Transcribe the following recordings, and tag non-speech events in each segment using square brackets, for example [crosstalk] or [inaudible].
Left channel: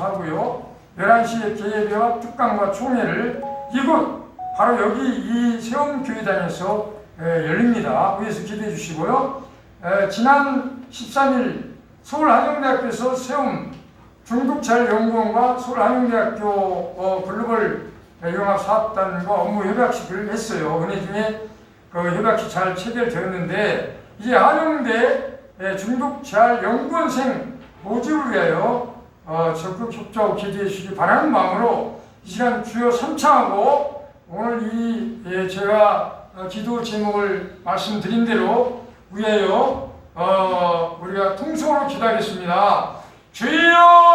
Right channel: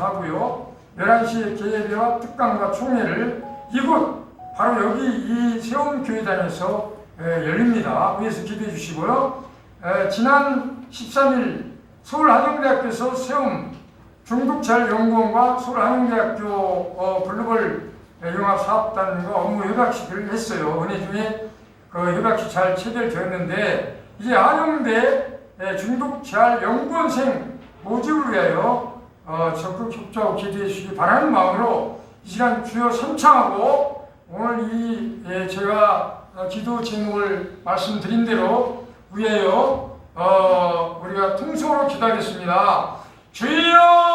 하고요. 11시에 개회와 특강과 총회를 이곳 바로 여기 이 세움교회단에서 에, 열립니다. 위에서 기대해 주시고요. 에, 지난 13일 서울한영대학교에서 세움 중국잘연구원과 서울한영대학교 어, 글로벌 영합사업단과 업무 협약식을 했어요. 은혜 중에 그 협약식 잘 체결되었는데 이제 한영대 에, 중국재활연구원생 모집을 위하여 어, 적극 협조하고 기대해 주시기 바라는 마음으로 이 시간 주요 3차하고 오늘 이 예, 제가 어, 기도 제목을 말씀드린 대로 위하여 어, 우리가 통성으로 기도하겠습니다. 주여!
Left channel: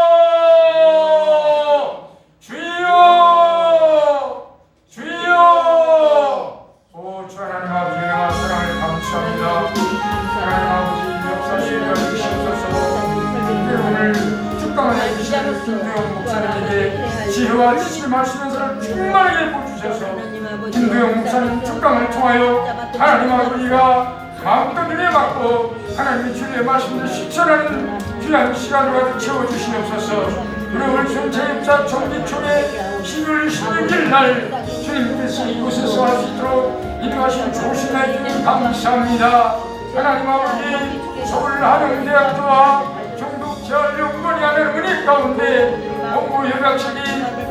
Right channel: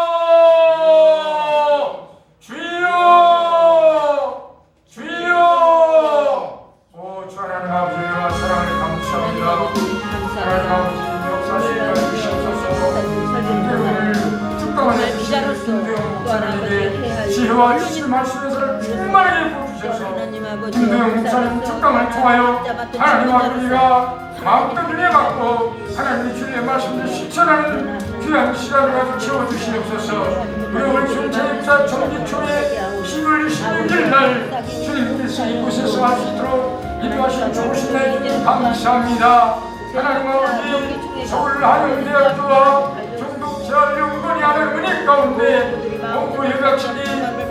김대영 목사님 특강을 통하여 하나님 아버지가 마음껏 은혜 받고 하나님 주의 말씀을 실천하는 귀한 시간을 채워주시옵소서. 우리 오늘 전체입자 정기총회 10월 16일 날 주님께서 이곳에서 할 수 있도록 인도하신 좋으신 날 감사합니다. 하나님 아버지 서울 한영대학교와 종독재활연구원이 하는 은혜 가운데 공부 협약식이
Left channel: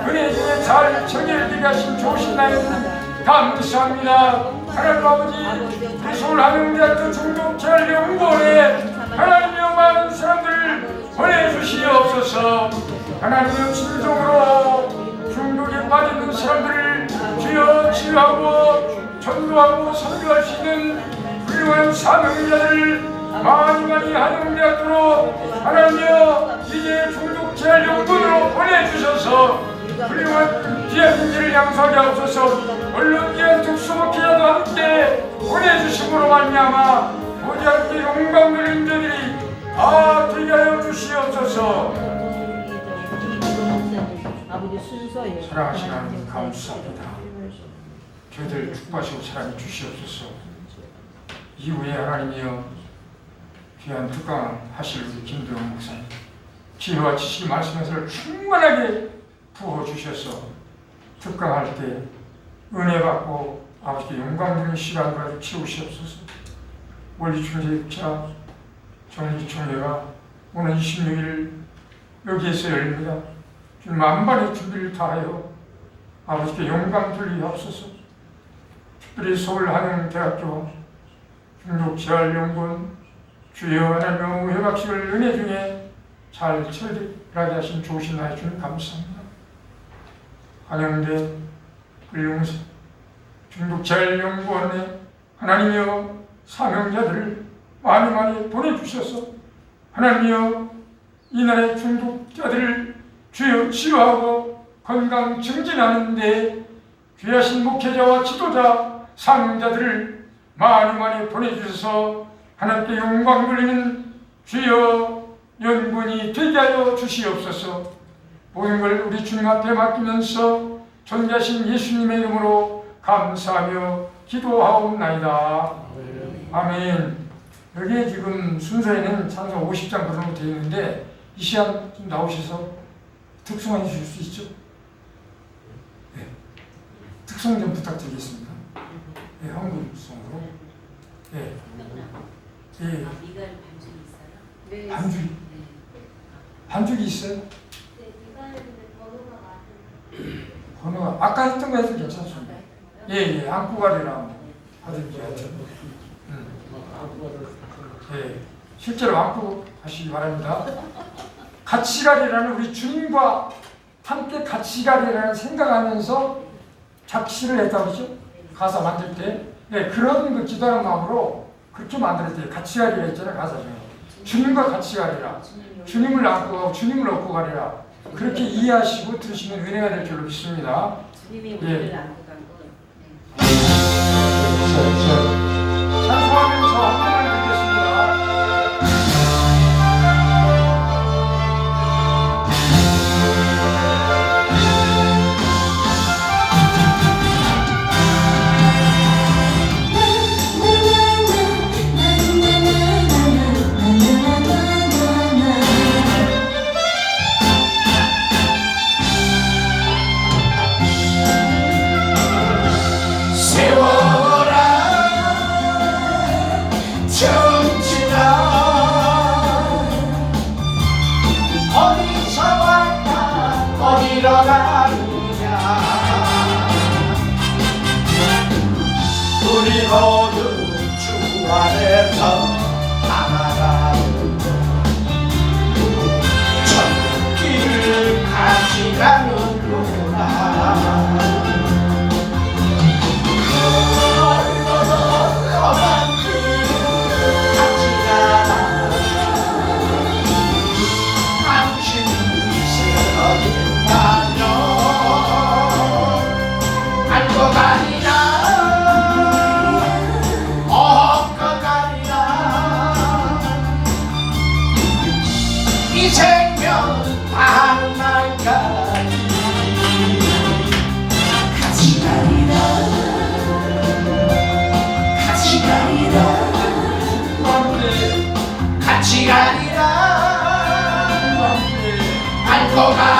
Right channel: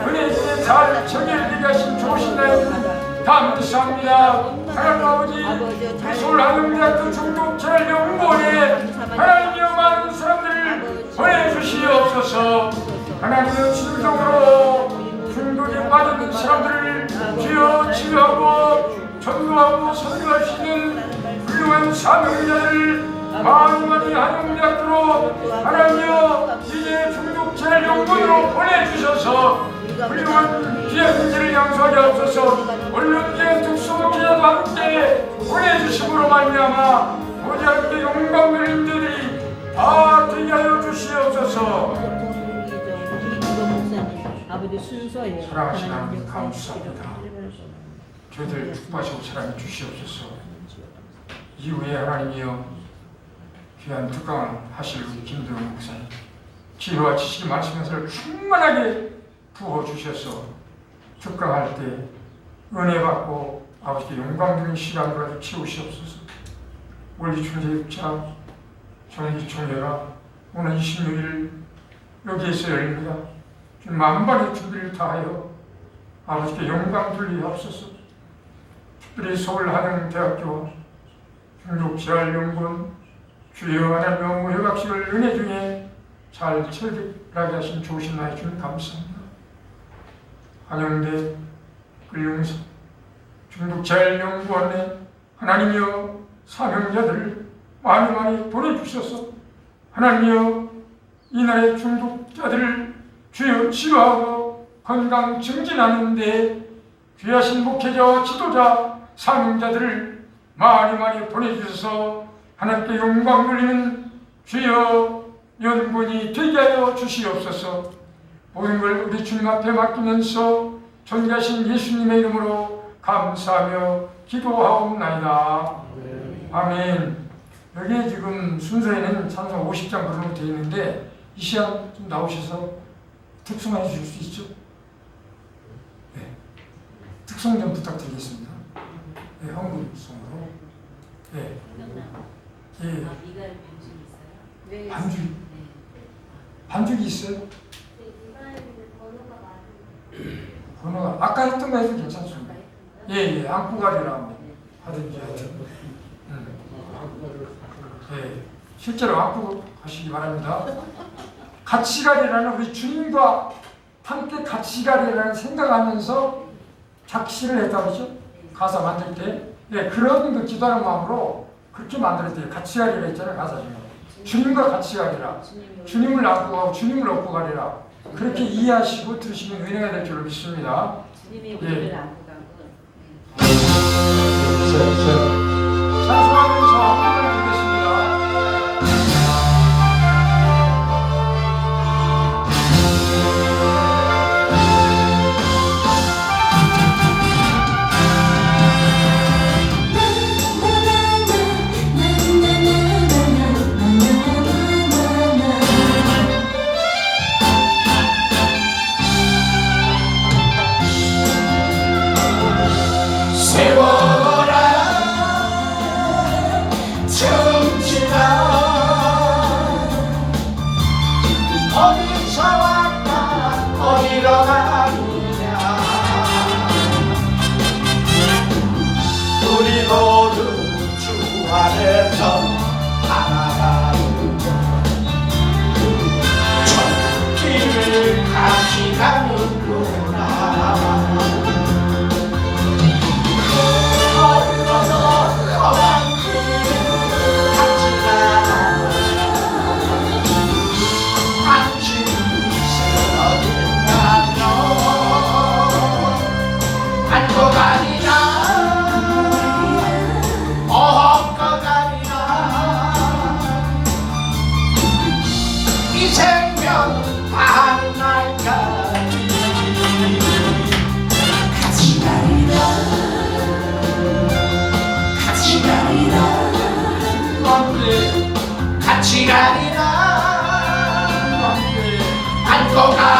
은혜 잘 체결되게 하신 좋으신 날 주님 감사합니다. 하나님 아버지 서울 한영대학교 종독재활연구원에 하나님의 많은 사람들을 보내주시옵소서. 하나님의 진정으로 중독에 빠진 사람들을 주여 치유하고 전도하고 선교할 수 있는 훌륭한 사명자를 많이 많이 하는 대학교로 하나님여 이제 중독재활연구원으로 보내주셔서 귀한 분들을 양성하게 하옵소서 물론 귀한 특수목회자도 함께 보내주심으로 말미암아 모자르게 영광 누린 자들이 다 되게 하여 주시옵소서. 사랑하시는 하나님 감사합니다. 저희들 축복하시고 사랑해 주시옵소서 이후에 하나님이여 귀한 특강 하실 우리 김대웅 목사님 지혜와 지식 말씀에서 충만하게 부어 주셔서 특강할 때 은혜 받고 아버지께 영광 드리는 시간으로 치우시옵소서. 원리 주제자 전인지 총회가 오늘 26일 여기에서 열립니다. 만발의 준비를 다하여 아버지께 영광 돌리옵소서. 특별히 서울 한영대학교 중독재활연구원 주여 하나님 회박식을 은혜 중에 잘 체결하게 하신 좋으신 나의 주님 감사합니다. 한영대 불용사 중독재활연구원에 하나님이여 사명자들을 많이 많이 보내주셔서 하나님이여 이 나라의 중독자들을 주여 치유하고 건강 증진하는 데 귀하신 목회자와 지도자 사명자들을 많이 많이 보내주셔서 하나님께 영광 돌리는 주여 연군이 되게 하여 주시옵소서 걸 우리 주님 앞에 맡기면서 존귀하신 예수님의 이름으로 감사하며 기도하옵나이다. 아멘. 여기에 지금 순서에는 상상 50장 그대로 되어 있는데 이 시간 좀 나오셔서 특성해 주실 수 있죠? 네. 특성 좀 부탁드리겠습니다. 네, 한국 성으로. 네. 예, 아, 미갈 반죽이 있어요? 네. 반죽, 반죽이 있어요? 번호가 아까 했던 거 해도 괜찮습니다. 예, 예, 안구가리랑 하든지 하죠. 음. 예, 실제로 안고 가시기 바랍니다. 같이 가리라는 우리 주님과 함께 같이 가리라는 생각하면서 작시를 했다 그러죠? 가사 만들 때. 네, 그런 그 기도하는 마음으로 그렇게 만들었대요. 같이 가리라 했잖아요, 가사 중에. 주님과 같이 가리라. 주님을 안고 가고 주님을 얻고 가리라. 그렇게 이해하시고 들으시면 은혜가 될줄 믿습니다. 주님이 예. 우리를 안고 간 거는 우리 모두 주 안에서 알고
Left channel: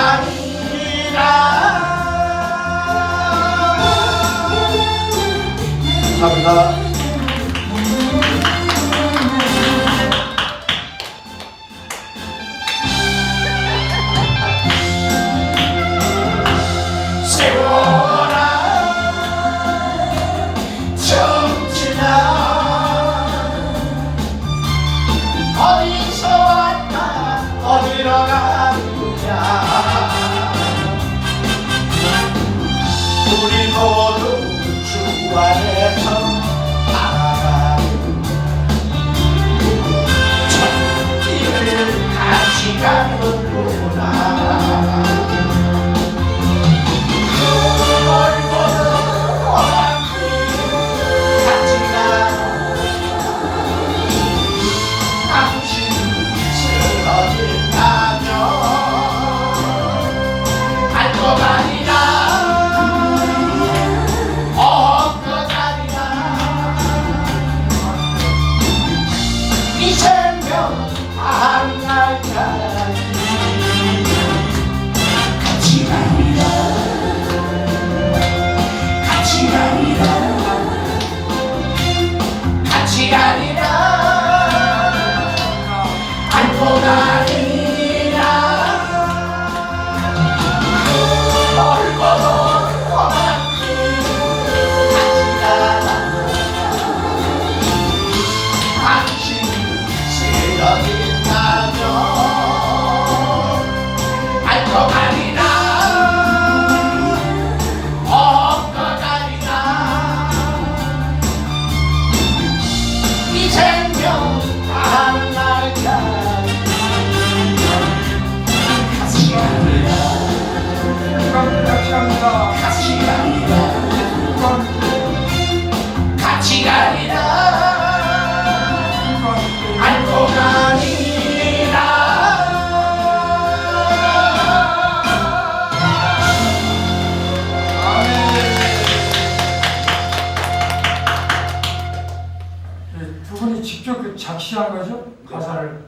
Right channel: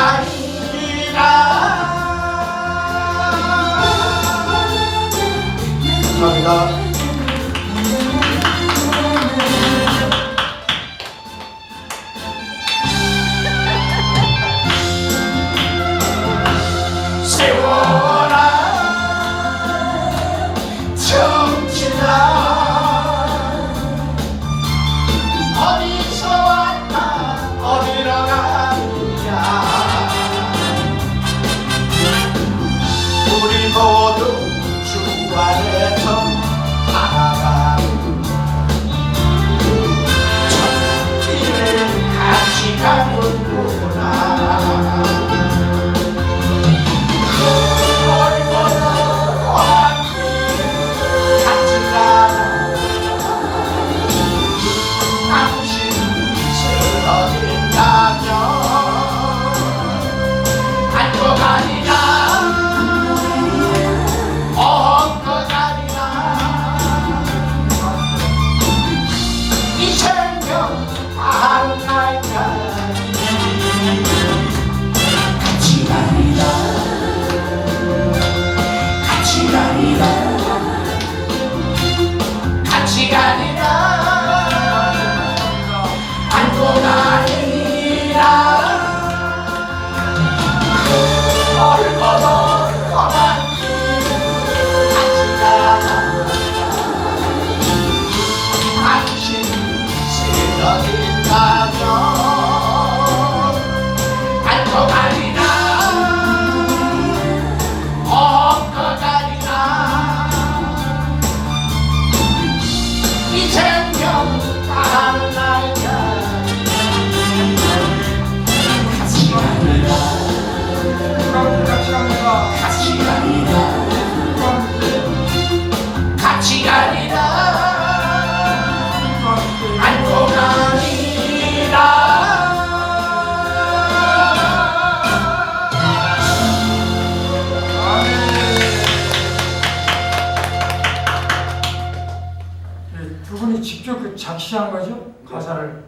그 작시한 거죠? 가사를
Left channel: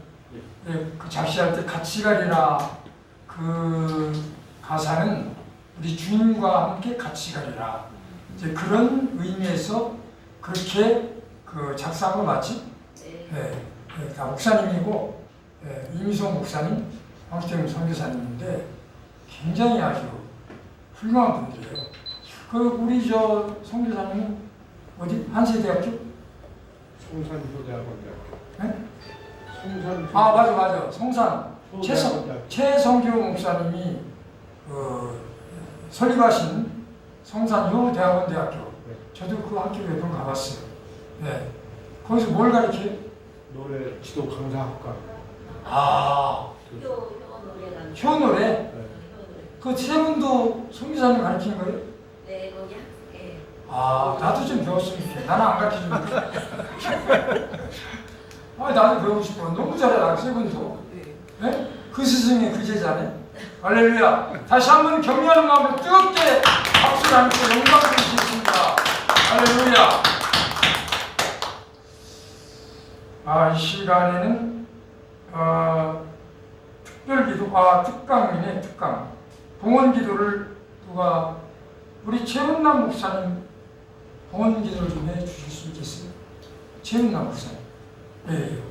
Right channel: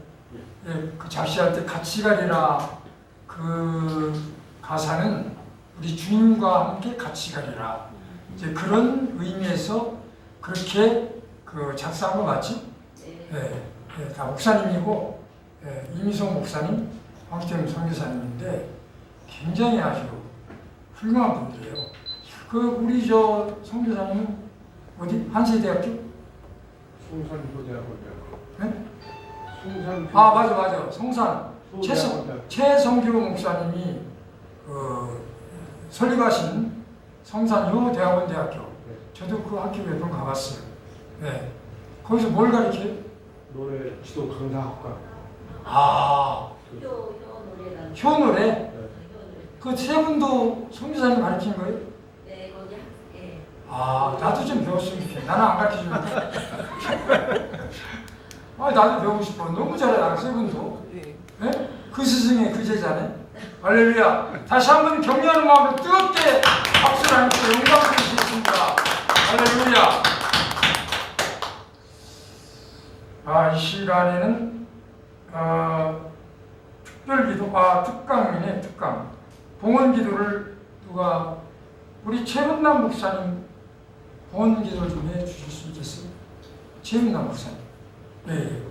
예, 그 작시할 때 같이 가리라 그 가사는 우리 주님과 함께 같이 가리라 이제 그런 의미에서 그렇게 그 작사한 거 맞지? 네. 예, 예, 다 목사님이고 예, 이미성 목사님, 황태영 선교사님인데 굉장히 아주 훌륭한 분들이에요. 그 우리 저 선교사님은 어디 한세대학교? 성산고대학원대학교. 네? 성산. 아 맞아 맞아 성산 최성. 최성규 목사님이 그 설립하신 성산효 대학원 대학교 저도 그 학교 몇번 가봤어요. 네 거기서 뭘 가르쳐요? 노래 지도 강사학과. 아 효, 효. 효 노래 네. 효 노래. 그세 분도 성교사님 가르치는 거예요? 네, 거기 학, 예. 아 나도 좀 배웠으면 좋겠네. 나는 안 가르쳐주는데. [laughs] 아 나도 배우고 싶어. 너무 잘하다 세 분도. 네? 그 스승의 그 제자네. 할렐루야. 다시 한번 격려하는 마음으로 뜨겁게 박수를 하면서 영광 드리겠습니다. 할렐루야. 아, 이 시간에는 어, 특별 기도, 아 특강이네 특강. 봉헌 기도를 누가 우리 최은남 목사님 봉헌 기도를 좀 해주실 수 있겠어요? 최은남 목사님. 예. 예.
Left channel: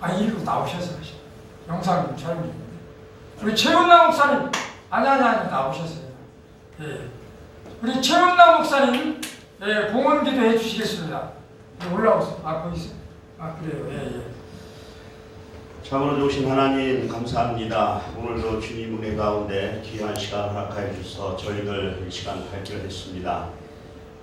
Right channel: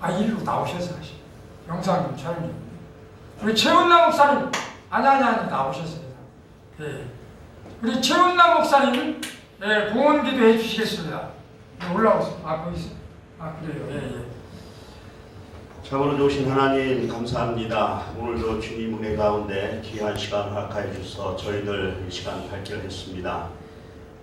아 이리로 나오셔서 하시. 좀 촬영해. 우리 최은남 목사님 아니 아니 아니 나오셨습니다. 예. 우리 최문남 목사님 예, 봉헌 기도 해 주시겠습니다. 예, 올라오세요. 아 거기 있어요. 아 그래요. 예, 예. 참으로 좋으신 하나님 감사합니다. 오늘도 주님 은혜 가운데 귀한 시간 허락하여 주셔서 저희들 이 시간 발견했습니다.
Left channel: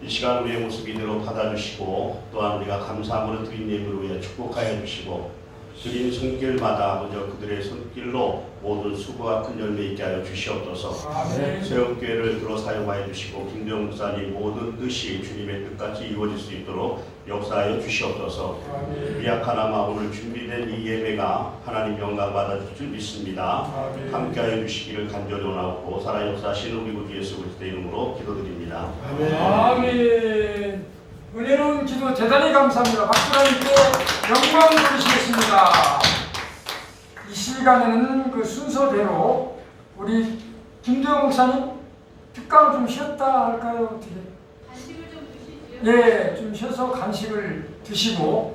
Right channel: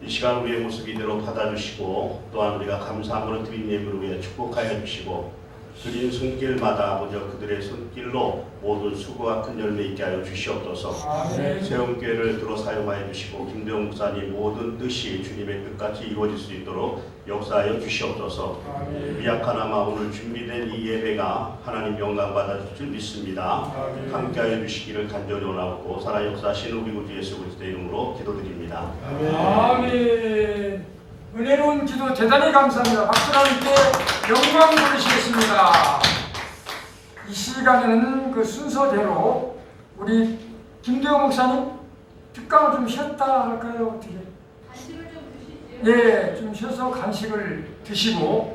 이 시간 우리의 모습 이대로 받아주시고 또한 우리가 감사함으로 드린 예물을 위해 축복하여 주시고 드린 손길마다 아버지 그들의 손길로 모든 수고가 큰 열매 있게 하여 주시옵소서 아멘. 세움교회를 들어 사용하여 주시고 김대영 목사님 모든 뜻이 주님의 뜻같이 이루어질 수 있도록 역사하여 주시옵소서 아멘. 미약하나마 오늘 준비된 이 예배가 하나님 영광 받아줄 줄 믿습니다. 아멘. 함께하여 주시기를 간절히 원하고 살아 역사하신 우리 구주 예수 그리스도의 이름으로 기도드립니다. 아멘. 기도 대단히 감사합니다. 박수 함께 영광 돌리시겠습니다. 이 시간에는 그 순서대로 우리 김도영 목사님 특강을 좀 쉬었다 할까요? 어떻게? 간식을 좀 주시죠. 예, 좀 쉬어서 간식을 드시고